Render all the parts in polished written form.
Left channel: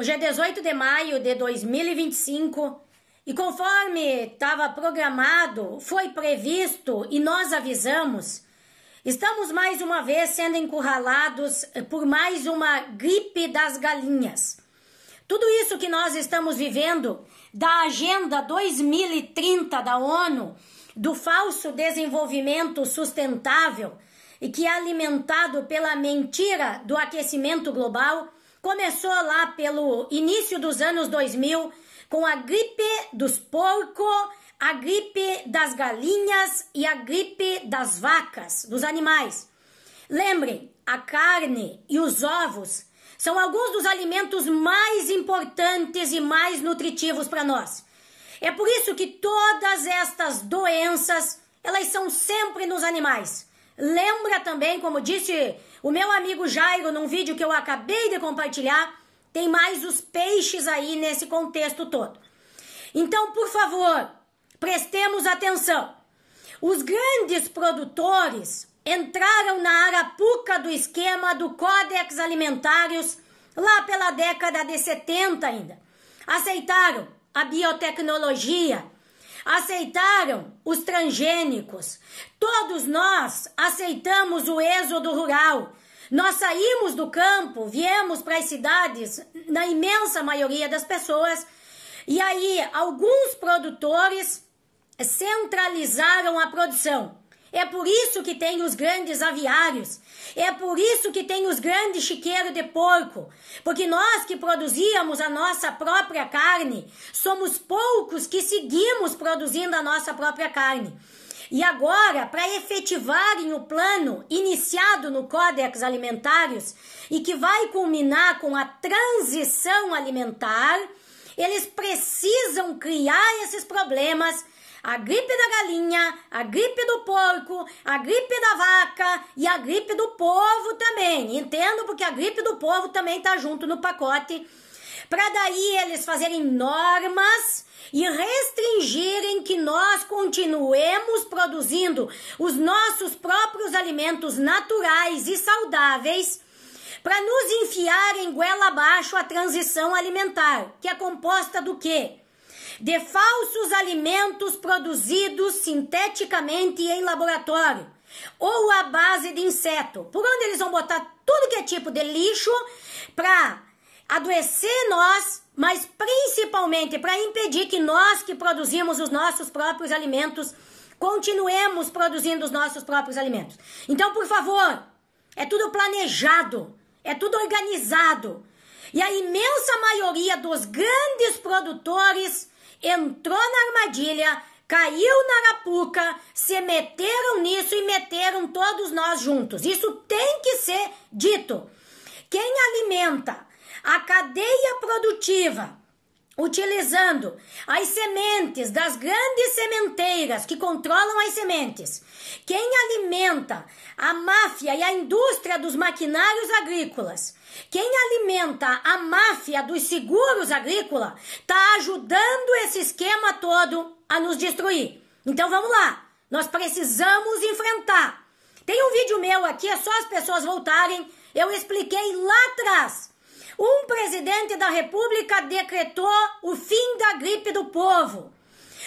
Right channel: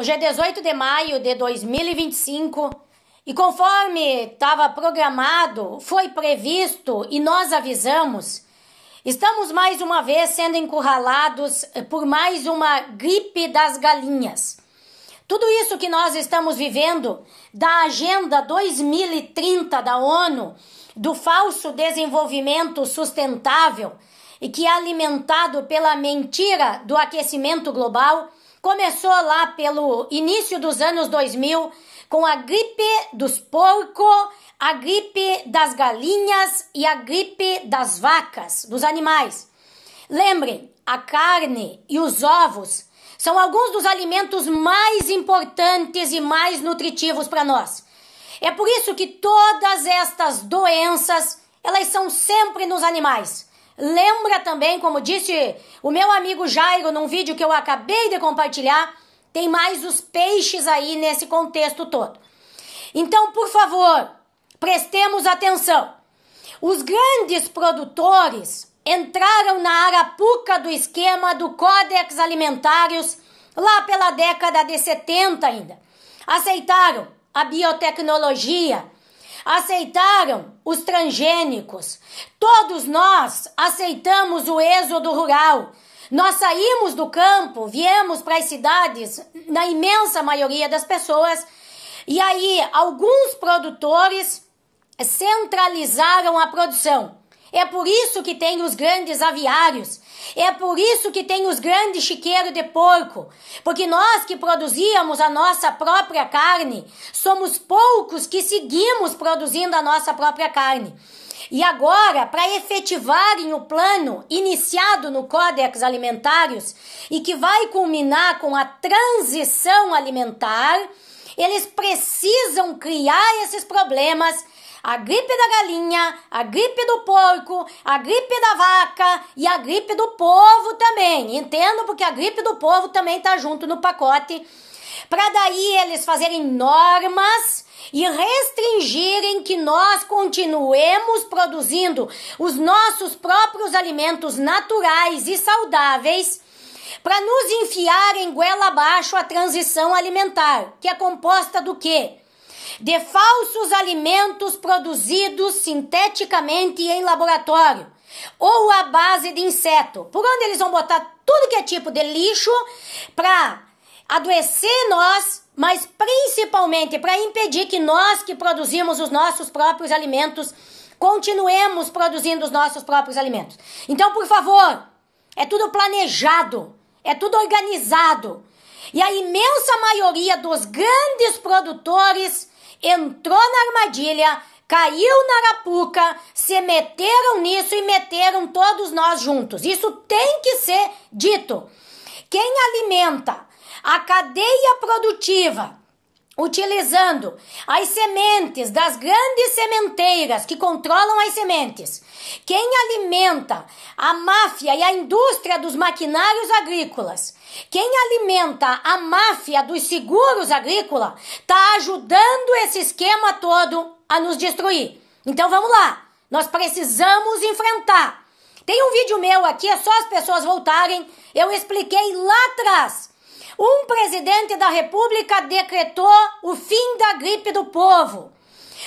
Hoje é 18 de maio de 2025 e conforme estava programado, foi previsto e nós avisamos, estamos mais uma vez sendo encurralados por mais uma gripe das galinhas. Tudo isso que nós estamos vivendo da Agenda 2030 da ONU, do falso desenvolvimento sustentável e que é alimentado pela mentira do aquecimento global, começou lá pelo início dos anos 2000 com a gripe dos porcos, a gripe das galinhas e a gripe das vacas, dos animais. Lembrem, a carne e os ovos são alguns dos alimentos mais importantes e mais nutritivos para nós. É por isso que todas estas doenças, elas são sempre nos animais. Lembra também, como disse o meu amigo Jairo num vídeo que eu acabei de compartilhar, tem mais dos peixes aí nesse contexto todo. Então, por favor, prestemos atenção. Os grandes produtores entraram na arapuca do esquema do Codex Alimentários lá pela década de 70 ainda. Aceitaram a biotecnologia, aceitaram os transgênicos. Todos nós aceitamos o êxodo rural. Nós saímos do campo, viemos para as cidades, na imensa maioria das pessoas, e aí alguns produtores centralizaram a produção. É por isso que tem os grandes aviários, é por isso que tem os grandes chiqueiros de porco, porque nós que produzíamos a nossa própria carne, somos poucos que seguimos produzindo a nossa própria carne. E agora, para efetivarem o plano iniciado no Codex Alimentários e que vai culminar com a transição alimentar, eles precisam criar esses problemas. A gripe da galinha, a gripe do porco, a gripe da vaca e a gripe do povo também. Entendo, porque a gripe do povo também está junto no pacote. Para daí eles fazerem normas e restringirem que nós continuemos produzindo os nossos próprios alimentos naturais e saudáveis para nos enfiar em goela abaixo a transição alimentar, que é composta do quê? De falsos alimentos produzidos sinteticamente em laboratório ou à base de inseto, por onde eles vão botar tudo que é tipo de lixo para adoecer nós, mas principalmente para impedir que nós que produzimos os nossos próprios alimentos continuemos produzindo os nossos próprios alimentos. Então, por favor, é tudo planejado, é tudo organizado. E a imensa maioria dos grandes produtores entrou na armadilha, caiu na arapuca, se meteram nisso e meteram todos nós juntos. Isso tem que ser dito. Quem alimenta a cadeia produtiva, utilizando as sementes das grandes sementeiras que controlam as sementes, quem alimenta a máfia e a indústria dos maquinários agrícolas, quem alimenta a máfia dos seguros agrícolas, está ajudando esse esquema todo a nos destruir. Então vamos lá, nós precisamos enfrentar. Tem um vídeo meu aqui, é só as pessoas voltarem, eu expliquei lá atrás. Um presidente da República decretou o fim da gripe do povo.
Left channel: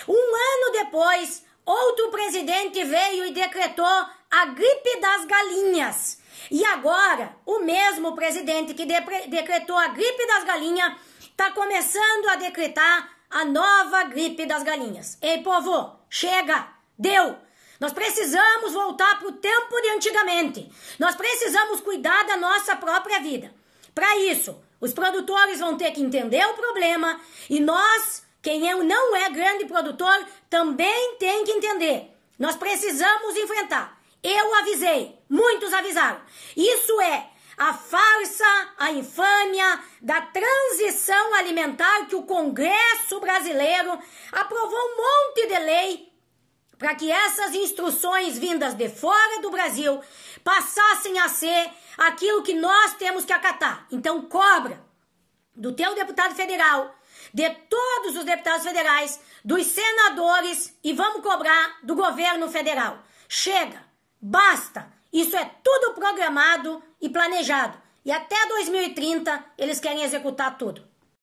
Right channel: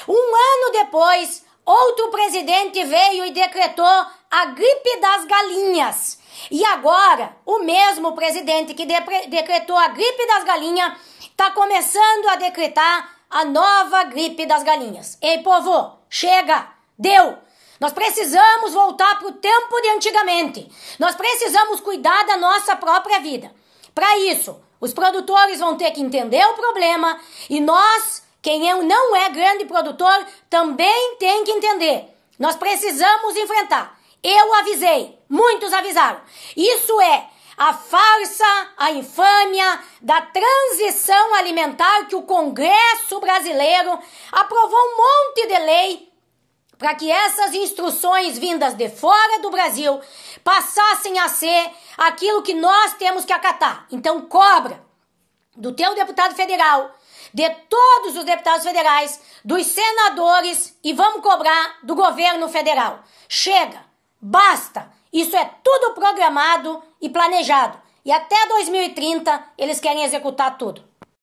Um ano depois, outro presidente veio e decretou a gripe das galinhas. E agora, o mesmo presidente que decretou a gripe das galinhas está começando a decretar a nova gripe das galinhas. Ei, povo, chega, deu! Nós precisamos voltar para o tempo de antigamente. Nós precisamos cuidar da nossa própria vida. Para isso, os produtores vão ter que entender o problema e nós, quem não é grande produtor, também tem que entender. Nós precisamos enfrentar. Eu avisei, muitos avisaram. Isso é a farsa, a infâmia da transição alimentar que o Congresso brasileiro aprovou um monte de lei para que essas instruções vindas de fora do Brasil passassem a ser aquilo que nós temos que acatar. Então cobra do teu deputado federal, de todos os deputados federais, dos senadores e vamos cobrar do governo federal. Chega, basta, isso é tudo programado e planejado. E até 2030 eles querem executar tudo.